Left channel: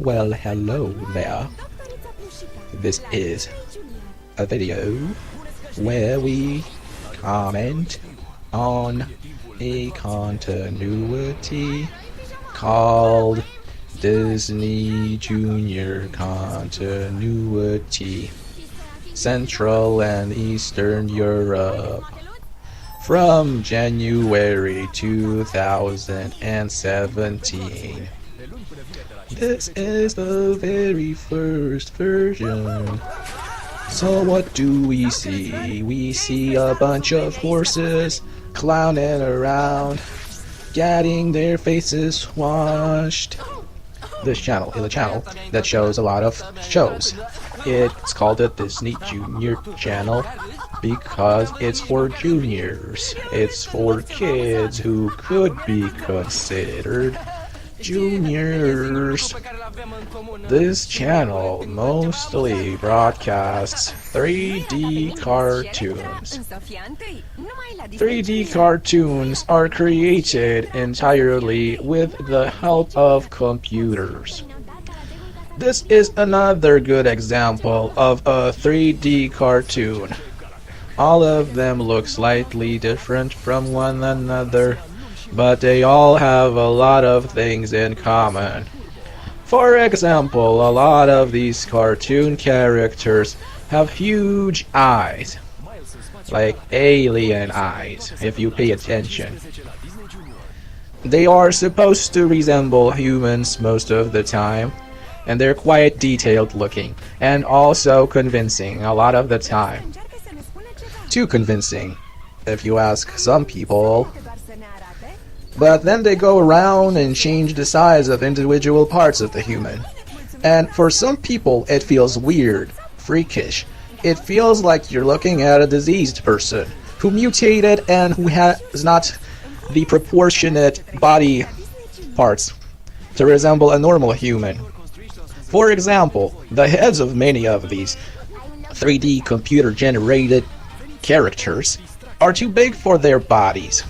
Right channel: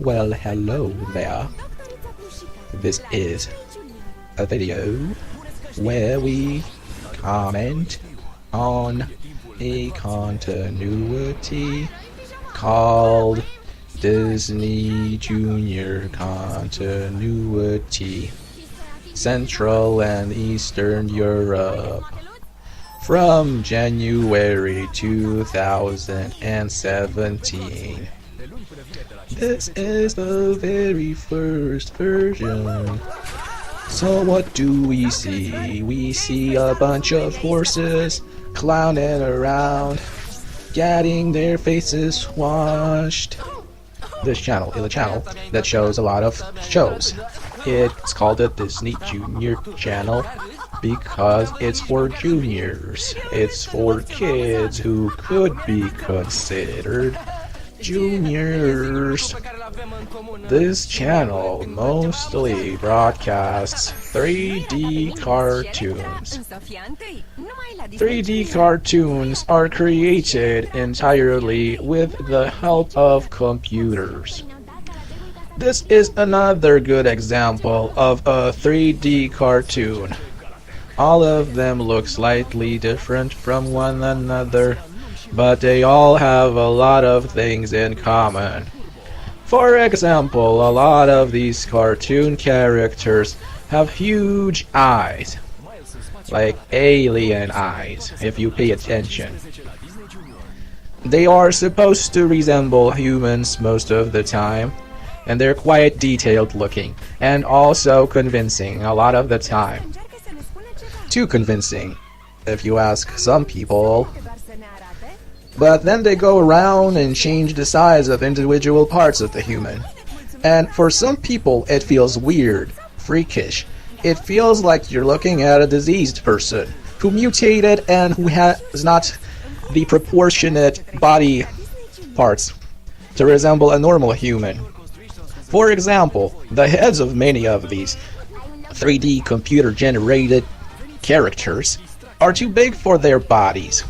Well, hello there. This is a video where we comment on a continuity called Disney Junior Continuity, Central and Eastern Europe, from January 2017. This is the very first version. So what do we see? We see a bunch of horses clowning around, getting their faces washed. This channel is a channel that shows a lot of shows. It's called the Disney Junior channel because it's for juniors. It's for kids who could be considered juniors. This channel mostly broadcasts 3D cartoons. 3D cartoons are created entirely with the help of computers. This is another good example of a 3D cartoon. All of them look slightly different from one another, but they all have a lot of things in common. For example, a lot of these cartoon characters have huge eyes, like alien eyes, if you pay attention. They are supposed to resemble humans most of the time, and they're quite detailed looking, and also convincing a lot of the time. Too convincing, if you ask some people. But then they go around and change the size of individual parts of the human. And for some people, it feels weird, freakish. It feels like you're looking at a diseased person who mutated and who has not the proportionate body parts to resemble a normal human. For example, the heads of many of these 3D computer-generated characters are too big for their bodies.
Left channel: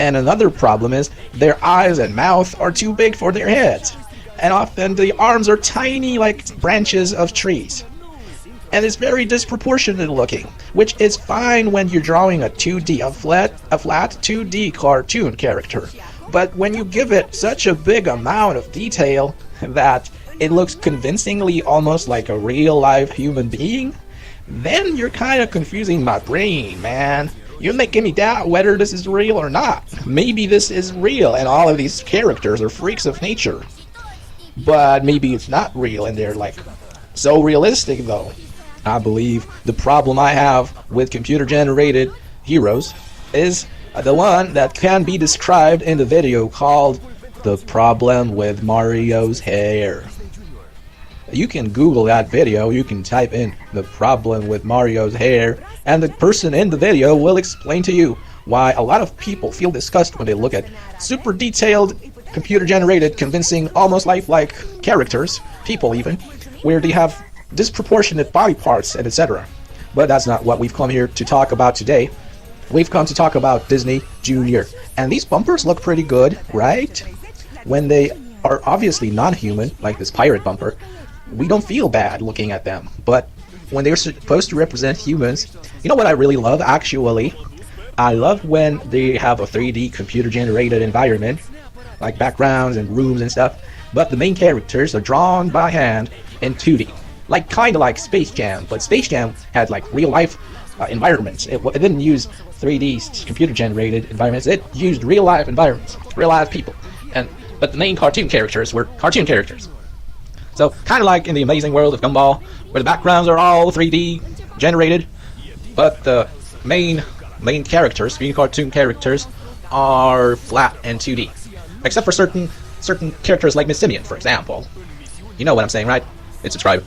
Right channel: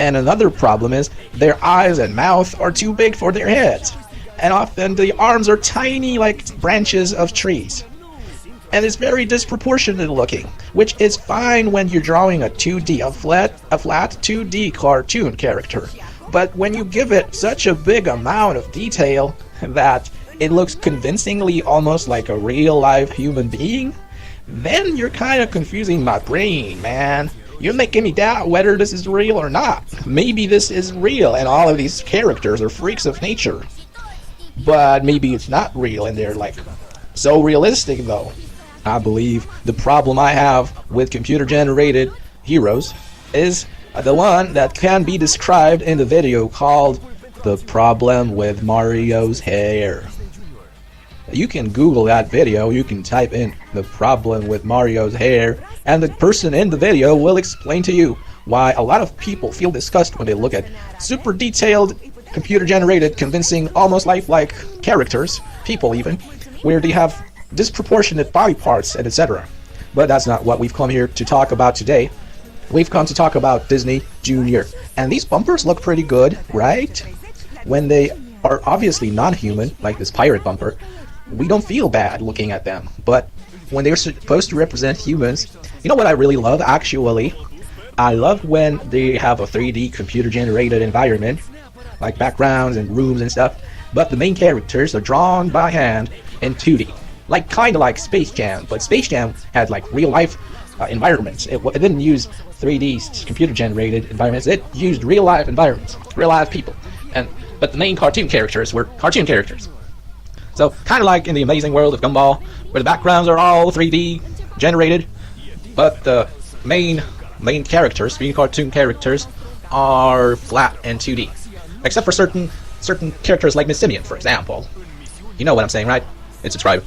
And another problem is their eyes and mouth are too big for their heads. And often the arms are tiny like branches of trees. And it's very disproportionate looking, which is fine when you're drawing a flat 2D cartoon character. But when you give it such a big amount of detail that it looks convincingly almost like a real-life human being, then you're kind of confusing my brain, man. You're making me doubt whether this is real or not. Maybe this is real and all of these characters are freaks of nature. But maybe it's not real and they're like so realistic though. I believe the problem I have with computer-generated heroes is the one that can be described in the video called the problem with Mario's hair. You can Google that video, you can type in the problem with Mario's hair, and the person in the video will explain to you why a lot of people feel disgust when they look at super detailed, computer-generated, convincing, almost lifelike characters, people even, where they have disproportionate body parts, etc. But that's not what we've come here to talk about today. We've come to talk about Disney Junior. And these bumpers look pretty good, right? When they are obviously non-human, like this pirate bumper, we don't feel bad looking at them. But when they're supposed to represent humans, you know what I really love, actually? I love when they have a 3D computer-generated environment, like backgrounds and rooms and stuff, but the main characters are drawn by hand in 2D. Like, kind of like Space Jam, but Space Jam had like real-life environments. It didn't use 3D computer-generated environments, it used real-life environments, real-life people. But the main cartoon characters were cartoon characters. So, kind of like in the Amazing World of Gumball, where the backgrounds are all 3D generated, but the main characters, being cartoon characters, are flat and 2D. Except for certain characters like Miss Simian, for example. You know what I'm saying, right? It's a tribe.